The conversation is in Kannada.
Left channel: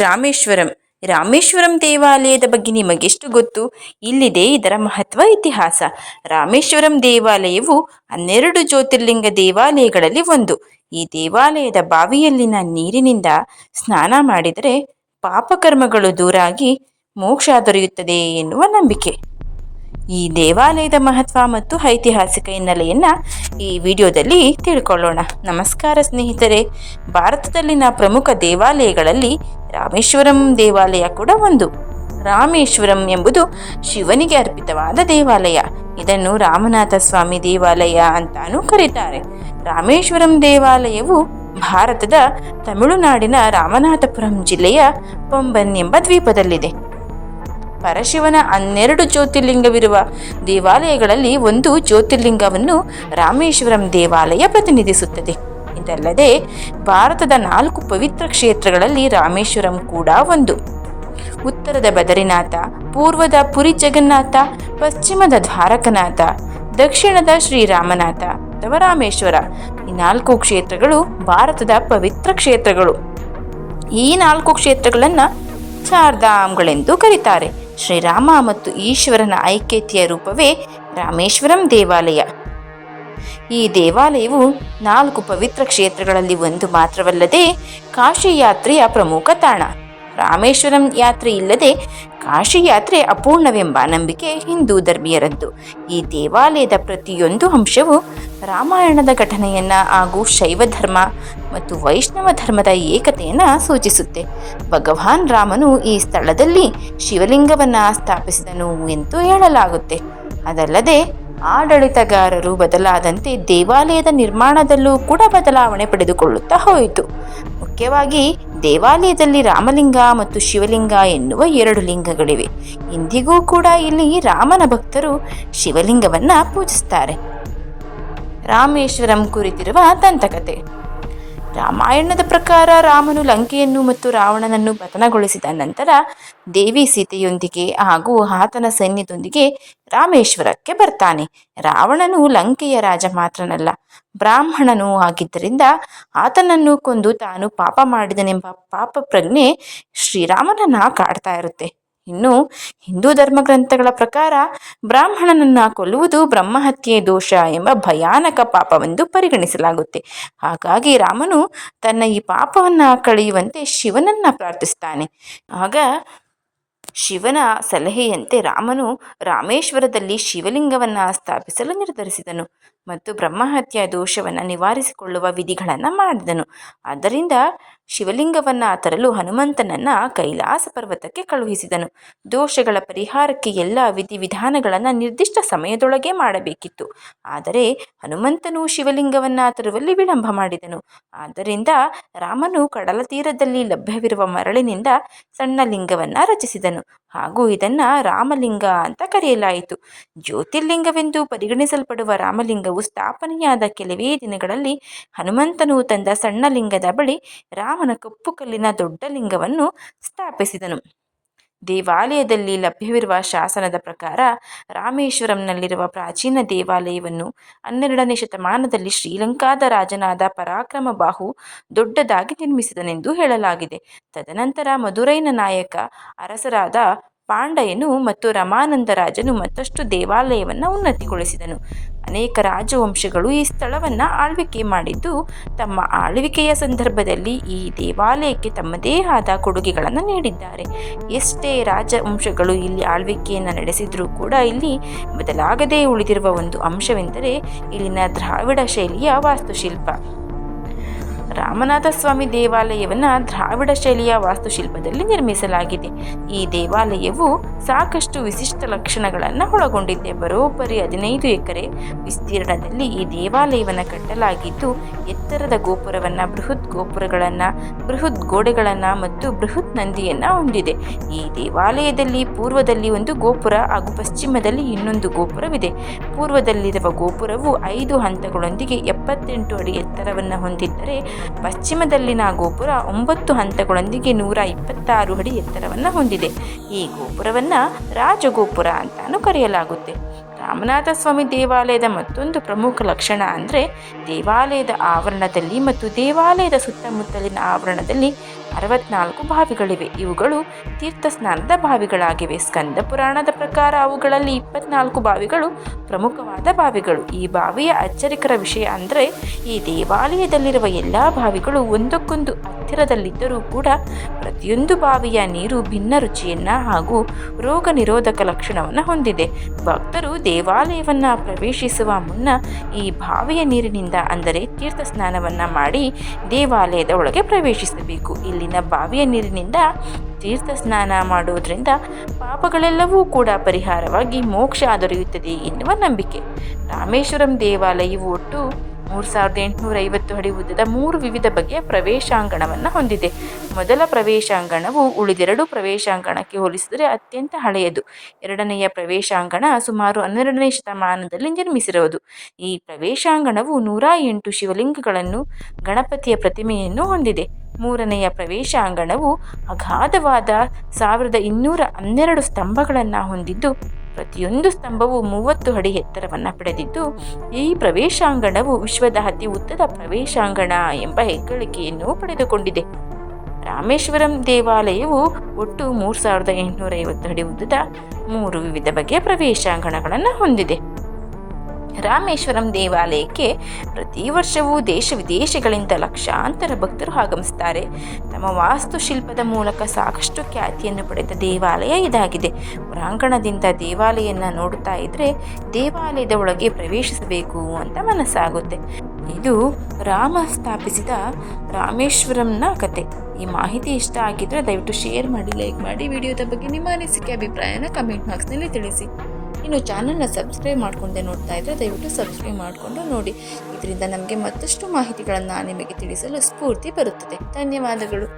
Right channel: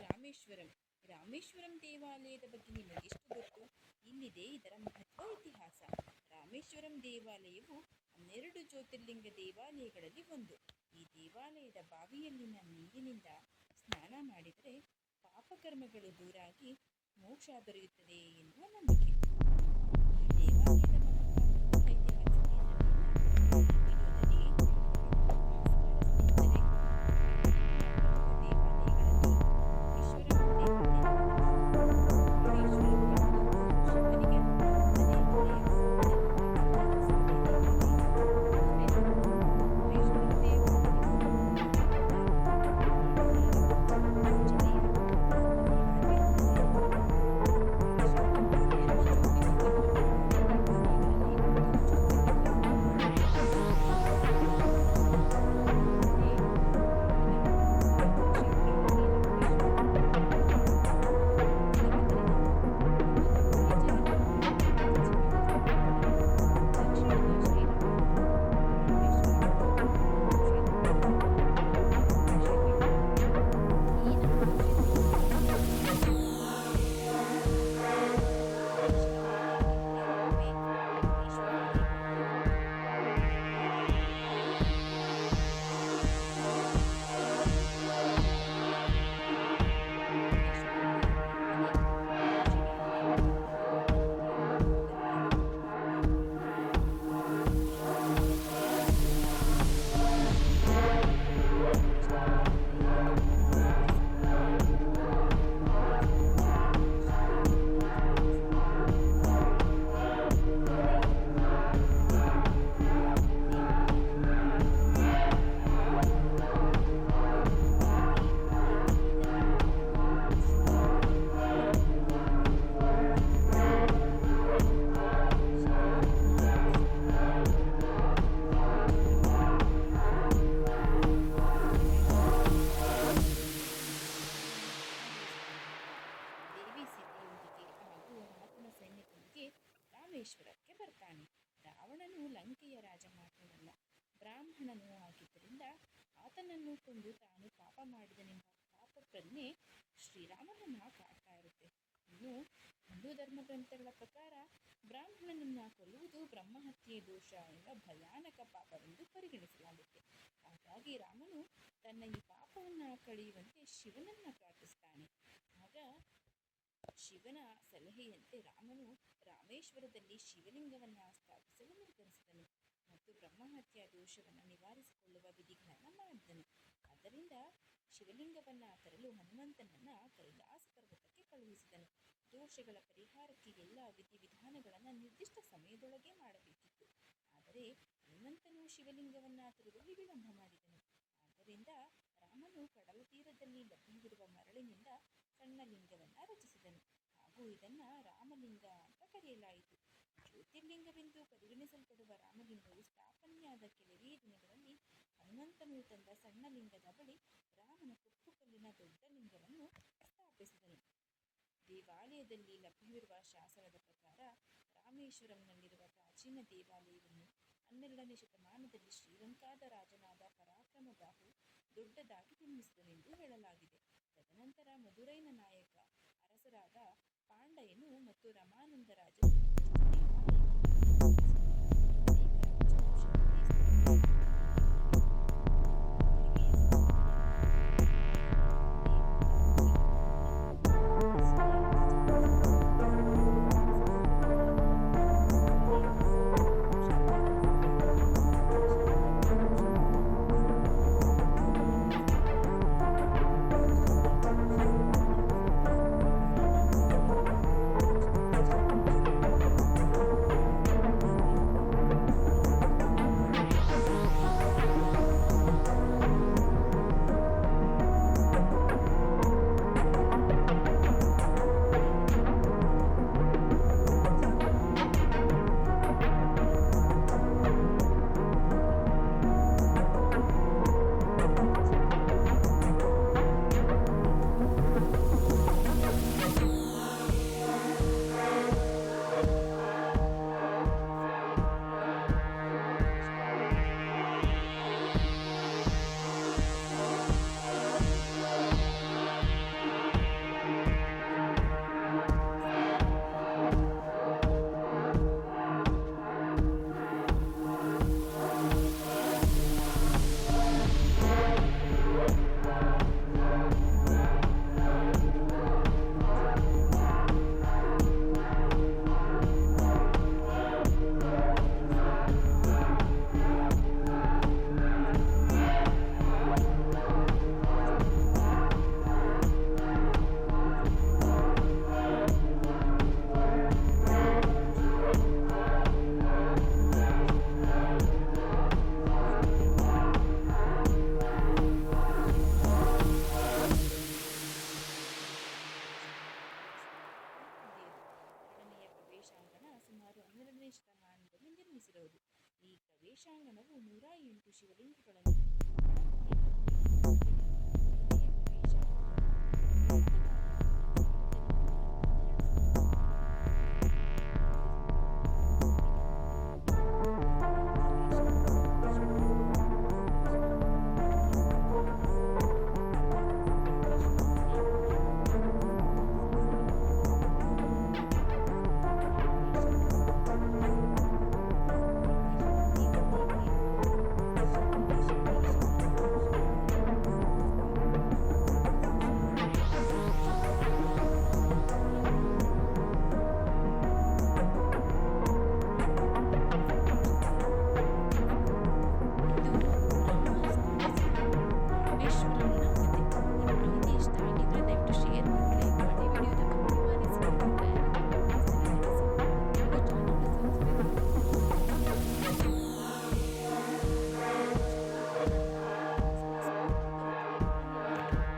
ರಾಮೇಶ್ವರಂ. ರಾಮೇಶ್ವರಂ ದೇವಾಲಯದ ಬಗ್ಗೆ ನಿಮಗೆಷ್ಟು ಗೊತ್ತು? ಇಲ್ಲಿದೆ ಇದರ ಮಹತ್ವ ಇತಿಹಾಸ. ರಾಮೇಶ್ವರಂ ದೇವಾಲಯವು ಹನ್ನೆರಡು ಜ್ಯೋತಿರ್ಲಿಂಗ ದೇವಾಲಯಗಳಲ್ಲಿ ಒಂದು. ಈ ದೇವಾಲಯದ ಬಾವಿಯಲ್ಲಿನ ನೀರಿನಿಂದ ಸ್ನಾನ ಮಾಡಿದರೆ ಪಾಪಕರ್ಮಗಳು ದೂರಾಗಿ ಮೋಕ್ಷ ದೊರೆಯುತ್ತದೆ ಎನ್ನುವ ನಂಬಿಕೆ. ಈ ದೇವಾಲಯದ ಮಹತ್ವ ಮತ್ತು ಐತಿಹಾಸಿಕ ಹಿನ್ನೆಲೆಯನ್ನು ಈ ವಿಡಿಯೋದಲ್ಲಿ ತಿಳ್ಕೊಳ್ಳೋಣ. ನಮಸ್ಕಾರ ಸ್ನೇಹಿತರೆ. ಭಾರತದಲ್ಲಿನ ಪ್ರಮುಖ ದೇವಾಲಯಗಳಲ್ಲಿ ರಾಮೇಶ್ವರಂ ದೇವಾಲಯ ಕೂಡ ಒಂದು. ರಾಮೇಶ್ವರಂ ಎಂಬುದು ಶಿವನಿಗೆ ಅರ್ಪಿತವಾದ ದೇವಾಲಯ. ಇದನ್ನು ರಾಮನಾಥ ಸ್ವಾಮಿ ದೇವಾಲಯ ಅಂತಾನೂ ಕರೀತಾರೆ. ರಾಮೇಶ್ವರಂ ದೇವಾಲಯವು ಭಾರತದ ತಮಿಳುನಾಡಿನ ರಾಮನಾಥಪುರಂ ಜಿಲ್ಲೆಯ ಪೊಂಬನ್ ಎಂಬ ದ್ವೀಪದಲ್ಲಿದೆ. ಪರಶಿವನ ಹನ್ನೆರಡು ಜ್ಯೋತಿರ್ಲಿಂಗವಿರುವ ದೇವಾಲಯಗಳಲ್ಲಿ ಒಂದು ಜ್ಯೋತಿರ್ಲಿಂಗವನ್ನು ರಾಮೇಶ್ವರಂ ದೇವಾಲಯ ಪ್ರತಿನಿಧಿಸುತ್ತದೆ. ಇದಲ್ಲದೆ ಭಾರತದ ನಾಲ್ಕು ಪವಿತ್ರ ಕ್ಷೇತ್ರಗಳಲ್ಲಿ ರಾಮೇಶ್ವರಂ ಕೂಡ ಒಂದು. ಉತ್ತರದ ಬದರಿನಾಥ, ಪೂರ್ವದ ಪುರಿ ಜಗನ್ನಾಥ, ಪಶ್ಚಿಮದ ದ್ವಾರಕನಾಥ, ದಕ್ಷಿಣದ ಶ್ರೀರಾಮನಾಥ ಅಥವಾ ರಾಮೇಶ್ವರ ಈ ನಾಲ್ಕು ಕ್ಷೇತ್ರಗಳು ಭಾರತದ ಪವಿತ್ರ ಕ್ಷೇತ್ರಗಳು. ಈ ನಾಲ್ಕು ಕ್ಷೇತ್ರಗಳನ್ನು ಚಾರ್ಧಾಮ್ಗಳೆಂದು ಕರೀತಾರೆ. ಶ್ರೀರಾಮ ಮತ್ತು ಈಶ್ವರನ ಐಕ್ಯತೆಯ ರೂಪವೇ ರಾಮೇಶ್ವರಂ ದೇವಾಲಯ. ಈ ದೇವಾಲಯವು ನಾಲ್ಕು ಪವಿತ್ರ ಕ್ಷೇತ್ರಗಳಲ್ಲಿ ಒಂದು ಮಾತ್ರವಲ್ಲದೆ ಕಾಶಿ ಯಾತ್ರೆಯ ಪ್ರಮುಖ ತಾಣ. ರಾಮೇಶ್ವರಂ ಯಾತ್ರೆ ಇಲ್ಲದೆ ಕಾಶಿ ಯಾತ್ರೆ ಅಪೂರ್ಣವೆಂಬ ನಂಬಿಕೆ ಹಿಂದೂ ಧರ್ಮೀಯರದ್ದು. ಈ ದೇವಾಲಯದ ಪ್ರತಿಯೊಂದು ಅಂಶವು ರಾಮಾಯಣದ ಘಟನೆಯನ್ನು ಹಾಗೂ ಶೈವ ಧರ್ಮ ಮತ್ತು ವೈಷ್ಣವ ಧರ್ಮದ ಏಕತೆಯನ್ನು ಸೂಚಿಸುತ್ತೆ. ಭಗವಾನ್ ರಾಮನು ಈ ಸ್ಥಳದಲ್ಲಿ ಶಿವಲಿಂಗವನ್ನು ಸ್ಥಾಪಿಸಿದನು ಎಂದು ಹೇಳಲಾಗುತ್ತೆ. ಅದಲ್ಲದೆ ಆಡಳಿತಗಾರರು ಬದಲಾದಂತೆ ದೇವಾಲಯದ ನಿರ್ಮಾಣದಲ್ಲೂ ಕೂಡ ಬದಲಾವಣೆ ಪಡೆದುಕೊಳ್ಳುತ್ತಾ ಹೋಯಿತು. ಮುಖ್ಯವಾಗಿ, ದೇವಾಲಯದಲ್ಲಿ ರಾಮಲಿಂಗ ಮತ್ತು ಶಿವಲಿಂಗ ಎನ್ನುವ ಎರಡು ಲಿಂಗಗಳಿವೆ. ಇಂದಿಗೂ ಕೂಡ ಇಲ್ಲಿ ರಾಮನ ಭಕ್ತರು ಶಿವಲಿಂಗವನ್ನು ಪೂಜಿಸುತ್ತಾರೆ ರಾಮೇಶ್ವರಂ ಕುರಿತಿರುವ ದಂತಕತೆ. ರಾಮಾಯಣದ ಪ್ರಕಾರ ರಾಮನು ಲಂಕೆಯನ್ನು ಮತ್ತು ರಾವಣನನ್ನು ಪತನಗೊಳಿಸಿದ ನಂತರ ದೇವಿ ಸೀತೆಯೊಂದಿಗೆ ಹಾಗೂ ಆತನ ಸೈನ್ಯದೊಂದಿಗೆ ರಾಮೇಶ್ವರಕ್ಕೆ ಬರ್ತಾನೆ. ರಾವಣನು ಲಂಕೆಯ ರಾಜ ಮಾತ್ರನಲ್ಲ, ಬ್ರಾಹ್ಮಣನೂ ಆಗಿದ್ದರಿಂದ ಆತನನ್ನು ಕೊಂದು ತಾನು ಪಾಪ ಮಾಡಿದನೆಂಬ ಪಾಪ ಪ್ರಜ್ಞೆ ಶ್ರೀರಾಮನನ್ನ ಕಾಡ್ತಾ ಇರುತ್ತೆ. ಇನ್ನು ಹಿಂದೂ ಧರ್ಮ ಗ್ರಂಥಗಳ ಪ್ರಕಾರ ಬ್ರಾಹ್ಮಣನನ್ನು ಕೊಲ್ಲುವುದು ಬ್ರಹ್ಮಹತ್ಯೆ ದೋಷ ಎಂಬ ಭಯಾನಕ ಪಾಪವೆಂದು ಪರಿಗಣಿಸಲಾಗುತ್ತೆ. ಹಾಗಾಗಿ ರಾಮನು ತನ್ನ ಈ ಪಾಪವನ್ನು ಕಳೆಯುವಂತೆ ಶಿವನನ್ನು ಪ್ರಾರ್ಥಿಸ್ತಾನೆ. ಆಗ ಶಿವನ ಸಲಹೆಯಂತೆ ರಾಮನು ರಾಮೇಶ್ವರದಲ್ಲಿ ಶಿವಲಿಂಗವನ್ನು ಸ್ಥಾಪಿಸಲು ನಿರ್ಧರಿಸಿದನು ಮತ್ತು ಬ್ರಹ್ಮಹತ್ಯೆ ದೋಷವನ್ನು ನಿವಾರಿಸಿಕೊಳ್ಳುವ ವಿಧಿಗಳನ್ನು ಮಾಡಿದನು. ಆದ್ದರಿಂದ ಶಿವಲಿಂಗವನ್ನು ತರಲು ಹನುಮಂತನನ್ನ ಕೈಲಾಸ ಪರ್ವತಕ್ಕೆ ಕಳುಹಿಸಿದನು. ದೋಷಗಳ ಪರಿಹಾರಕ್ಕೆ ಎಲ್ಲ ವಿಧಿವಿಧಾನಗಳನ್ನು ನಿರ್ದಿಷ್ಟ ಸಮಯದೊಳಗೆ ಮಾಡಬೇಕಿತ್ತು. ಆದರೆ ಹನುಮಂತನು ಶಿವಲಿಂಗವನ್ನ ತರುವಲ್ಲಿ ವಿಳಂಬ ಮಾಡಿದನು. ಆದ್ದರಿಂದ ರಾಮನು ಕಡಲ ತೀರದಲ್ಲಿ ಲಭ್ಯವಿರುವ ಮರಳಿನಿಂದ ಸಣ್ಣ ಲಿಂಗವನ್ನ ರಚಿಸಿದನು. ಹಾಗೂ ಇದನ್ನು ರಾಮಲಿಂಗ ಅಂತ ಕರೆಯಲಾಯಿತು. ಜ್ಯೋತಿರ್ಲಿಂಗವೆಂದು ಪರಿಗಣಿಸಲ್ಪಡುವ ರಾಮಲಿಂಗವು ಸ್ಥಾಪನೆಯಾದ ಕೆಲವೇ ದಿನಗಳಲ್ಲಿ ಹನುಮಂತನು ತಂದ ಸಣ್ಣ ಲಿಂಗದ ಬಳಿ ರಾಮನ ಕಪ್ಪು ಕಲ್ಲಿನ ದೊಡ್ಡ ಲಿಂಗವನ್ನು ಸ್ಥಾಪಿಸಿದನು. ದೇವಾಲಯದಲ್ಲಿ ಲಭ್ಯವಿರುವ ಶಾಸನದ ಪ್ರಕಾರ ರಾಮೇಶ್ವರಂನಲ್ಲಿರುವ ಪ್ರಾಚೀನ ದೇವಾಲಯವನ್ನು ಹನ್ನೆರಡನೇ ಶತಮಾನದಲ್ಲಿ ಶ್ರೀಲಂಕಾದ ರಾಜನಾದ ಪರಾಕ್ರಮ ಬಾಹು ದೊಡ್ಡದಾಗಿ ನಿರ್ಮಿಸಿದನೆಂದು ಹೇಳಲಾಗಿದೆ. ತದನಂತರ ಮಧುರೈನ ನಾಯಕ, ಅರಸರಾದ ಪಾಂಡಯನು ಮತ್ತು ರಮಾನಂದ ರಾಜನು ಮತ್ತಷ್ಟು ದೇವಾಲಯವನ್ನು ಉನ್ನತಿಗೊಳಿಸಿದನು. ಅನೇಕ ರಾಜವಂಶಗಳು ಈ ಸ್ಥಳವನ್ನು ಆಳ್ವಿಕೆ ಮಾಡಿದ್ದು. ತಮ್ಮ ಆಳ್ವಿಕೆಯ ಸಂದರ್ಭದಲ್ಲಿ ಈ ದೇವಾಲಯಕ್ಕೆ ತಮ್ಮದೇ ಆದ ಕೊಡುಗೆಗಳನ್ನು ನೀಡಿದ್ದಾರೆ. ಎಷ್ಟೇ ರಾಜವಂಶಗಳು ಇಲ್ಲಿ ಆಳ್ವಿಕೆಯನ್ನು ನಡೆಸಿದರೂ ಕೂಡ ಇಲ್ಲಿ ಬದಲಾಗದೇ ಉಳಿದಿರುವ ಒಂದು ಅಂಶವೆಂದರೆ ಇಲ್ಲಿನ ದ್ರಾವಿಡ ಶೈಲಿಯ ವಾಸ್ತುಶಿಲ್ಪ. ರಾಮನಾಥ ಸ್ವಾಮಿ ದೇವಾಲಯವನ್ನು ದ್ರಾವಿಡ ಶೈಲಿಯ ವಾಸ್ತುಶಿಲ್ಪದಲ್ಲಿ ನಿರ್ಮಿಸಲಾಗಿದೆ. ಈ ದೇವಾಲಯವು ಸಾಕಷ್ಟು ವಿಶಿಷ್ಟ ಲಕ್ಷಣಗಳನ್ನು ಒಳಗೊಂಡಿದೆ. ಬರೋಬ್ಬರಿ ಹದಿನೈದು ಎಕರೆ ವಿಸ್ತೀರ್ಣದಲ್ಲಿ ಈ ದೇವಾಲಯವನ್ನು ಕಟ್ಟಲಾಗಿದ್ದು, ಎತ್ತರದ ಗೋಪುರವನ್ನು, ಬೃಹತ್ ಗೋಪುರಗಳನ್ನು, ಬೃಹತ್ ಗೋಡೆಗಳನ್ನು ಮತ್ತು ಬೃಹತ್ ನಂದಿಯನ್ನು ಹೊಂದಿದೆ. ಈ ದೇವಾಲಯದಲ್ಲಿ ಪೂರ್ವದಲ್ಲಿ ಒಂದು ಗೋಪುರ ಹಾಗೂ ಪಶ್ಚಿಮದಲ್ಲಿ ಇನ್ನೊಂದು ಗೋಪುರವಿದೆ. ಪೂರ್ವದಲ್ಲಿರುವ ಗೋಪುರವು ಐದು ಹಂತಗಳೊಂದಿಗೆ ಎಪ್ಪತ್ತೆಂಟು ಅಡಿ ಎತ್ತರವನ್ನು ಹೊಂದಿದ್ದರೆ ಪಶ್ಚಿಮದಲ್ಲಿನ ಗೋಪುರ ಒಂಬತ್ತು ಹಂತಗಳೊಂದಿಗೆ ನೂರ ಇಪ್ಪತ್ತಾರು ಅಡಿ ಎತ್ತರವನ್ನು ಹೊಂದಿದೆ. ಈ ಗೋಪುರವನ್ನು ರಾಜಗೋಪುರ ಅಂತಾನು ಕರೆಯಲಾಗುತ್ತೆ. ರಾಮನಾಥ ಸ್ವಾಮಿ ದೇವಾಲಯದ ಮತ್ತೊಂದು ಪ್ರಮುಖ ಲಕ್ಷಣ ಅಂದರೆ ದೇವಾಲಯದ ಆವರಣದಲ್ಲಿ ಮತ್ತು ದೇವಾಲಯದ ಸುತ್ತಮುತ್ತಲಿನ ಆವರಣದಲ್ಲಿ ಅರವತ್ನಾಲ್ಕು ಬಾವಿಗಳಿವೆ. ಇವುಗಳು ತೀರ್ಥ ಸ್ನಾನದ ಬಾವಿಗಳಾಗಿವೆ. ಸ್ಕಂದ ಪುರಾಣದ ಪ್ರಕಾರ ಅವುಗಳಲ್ಲಿ ಇಪ್ಪತ್ನಾಲ್ಕು ಬಾವಿಗಳು ಪ್ರಮುಖವಾದ ಬಾವಿಗಳು ಈ ಬಾವಿಯ ಅಚ್ಚರಿಕರ ವಿಷಯ ಅಂದರೆ ಈ ದೇವಾಲಯದಲ್ಲಿರುವ ಎಲ್ಲ ಬಾವಿಗಳು ಒಂದಕ್ಕೊಂದು ಹತ್ತಿರದಲ್ಲಿದ್ದರೂ ಕೂಡ ಪ್ರತಿಯೊಂದು ಬಾವಿಯ ನೀರು ಭಿನ್ನ ರುಚಿಯನ್ನು ಹಾಗೂ ರೋಗ ನಿರೋಧಕ ಲಕ್ಷಣವನ್ನು ಹೊಂದಿದೆ. ಭಕ್ತರು ದೇವಾಲಯವನ್ನು ಪ್ರವೇಶಿಸುವ ಮುನ್ನ ಈ ಬಾವಿಯ ನೀರಿನಿಂದ ಅಂದರೆ ತೀರ್ಥ ಸ್ನಾನವನ್ನು ಮಾಡಿ ದೇವಾಲಯದ ಒಳಗೆ ಪ್ರವೇಶಿಸಬೇಕು. ಇಲ್ಲಿನ ಬಾವಿಯ ನೀರಿನಿಂದ ತೀರ್ಥ ಸ್ನಾನ ಮಾಡುವುದರಿಂದ ಪಾಪಗಳೆಲ್ಲವೂ ಕೂಡ ಪರಿಹಾರವಾಗಿ ಮೋಕ್ಷ ದೊರೆಯುತ್ತದೆ ಎನ್ನುವ ನಂಬಿಕೆ. ರಾಮೇಶ್ವರಂ ದೇವಾಲಯವು ಒಟ್ಟು ಮೂರು ಸಾವಿರದ ಎಂಟುನೂರ ಐವತ್ತು ಅಡಿ ಉದ್ದದ ಮೂರು ವಿವಿಧ ಬಗೆಯ ಪ್ರವೇಶಾಂಗಣವನ್ನು ಹೊಂದಿದೆ. ಮೊದಲ ಪ್ರವೇಶಾಂಗಣವು ಉಳಿದೆರಡು ಪ್ರವೇಶಾಂಗಣಕ್ಕೆ ಹೋಲಿಸಿದರೆ ಅತ್ಯಂತ ಹಳೆಯದು. ಎರಡನೆಯ ಪ್ರವೇಶಾಂಗಣ ಸುಮಾರು ಹನ್ನೆರಡನೇ ಶತಮಾನದಲ್ಲಿ ನಿರ್ಮಿಸಿರುವುದು. ಈ ಪ್ರವೇಶಾಂಗಣವು ನೂರ ಎಂಟು ಶಿವಲಿಂಗಗಳನ್ನು, ಗಣಪತಿಯ ಪ್ರತಿಮೆಯನ್ನು ಹೊಂದಿದೆ. ಮೂರನೆಯ ಪ್ರವೇಶಾಂಗಣವು ಅಗಾಧವಾದ ಸಾವಿರದ ಇನ್ನೂರ ಹನ್ನೆರಡು ಸ್ತಂಭಗಳನ್ನು ಹೊಂದಿದ್ದು ಪ್ರತಿಯೊಂದು ಸ್ತಂಭವು ಮೂವತ್ತು ಅಡಿ ಎತ್ತರವನ್ನು ಪಡೆದಿದ್ದು, ಈ ಪ್ರವೇಶಾಂಗಣವು ವಿಶ್ವದ ಅತಿ ಉದ್ದದ ಪ್ರವೇಶಾಂಗಣ ಎಂಬ ಹೆಗ್ಗಳಿಕೆಯನ್ನು ಪಡೆದುಕೊಂಡಿದೆ. ರಾಮೇಶ್ವರಂ ದೇವಾಲಯವು ಒಟ್ಟು ಮೂರು ಸಾವಿರದ ಎಂಟುನೂರ ಐವತ್ತು ಅಡಿ ಉದ್ದದ ಮೂರು ವಿವಿಧ ಬಗೆಯ ಪ್ರವೇಶಾಂಗಣಗಳನ್ನು ಹೊಂದಿದೆ. ರಾಮೇಶ್ವರಂ ದೇವಾಲಯಕ್ಕೆ ಪ್ರತಿ ವರ್ಷವೂ ದೇಶ ವಿದೇಶಗಳಿಂದ ಲಕ್ಷಾಂತರ ಭಕ್ತರು ಆಗಮಿಸ್ತಾರೆ ತಮ್ಮ ವಾಸ್ತುಶಿಲ್ಪದ ಮೂಲಕ ಸಾಕಷ್ಟು ಖ್ಯಾತಿಯನ್ನು ಪಡೆದ ದೇವಾಲಯ ಇದಾಗಿದೆ. ಪ್ರಾಂಗಣದಿಂದ ದೇವಾಲಯನ ನೋಡುತ್ತಾ ಇದ್ದರೆ ದೇವಾಲಯದ ಒಳಗೆ ಪ್ರವೇಶಿಸಬೇಕು ಅಂತ ಮನಸ್ಸಾಗುತ್ತೆ. ಇದು ರಾಮ ಸ್ಥಾಪಿಸಿದ ರಾಮೇಶ್ವರಂನ ಕತೆ. ಈ ಮಾಹಿತಿ ಇಷ್ಟ ಆಗಿದ್ರೆ ದಯವಿಟ್ಟು ಶೇರ್ ಮಾಡಿ, ಲೈಕ್ ಮಾಡಿ. ವಿಡಿಯೋದ ಬಗ್ಗೆ ನಿಮ್ಮ ಅನಿಸಿಕೆ, ಅಭಿಪ್ರಾಯನ ಕಮೆಂಟ್ ಬಾಕ್ಸ್ನಲ್ಲಿ ತಿಳಿಸಿ. ಇನ್ನು ಚಾನಲ್ನ ಸಬ್ಸ್ಕ್ರೈಬ್ ಮಾಡ್ಕೊಂಡೆ ನೋಡ್ತಾ ಇದ್ದರೆ ದಯವಿಟ್ಟು ಸಬ್ಸ್ಕ್ರೈಬ್ ಮಾಡಿಕೊಂಡು ನೋಡಿ. ಇದರಿಂದ ನಮಗೆ ಮತ್ತಷ್ಟು ಮಾಹಿತಿಗಳನ್ನು ನಿಮಗೆ ತಿಳಿಸಲು ಸ್ಫೂರ್ತಿ ಬರುತ್ತದೆ. ಧನ್ಯವಾದಗಳು.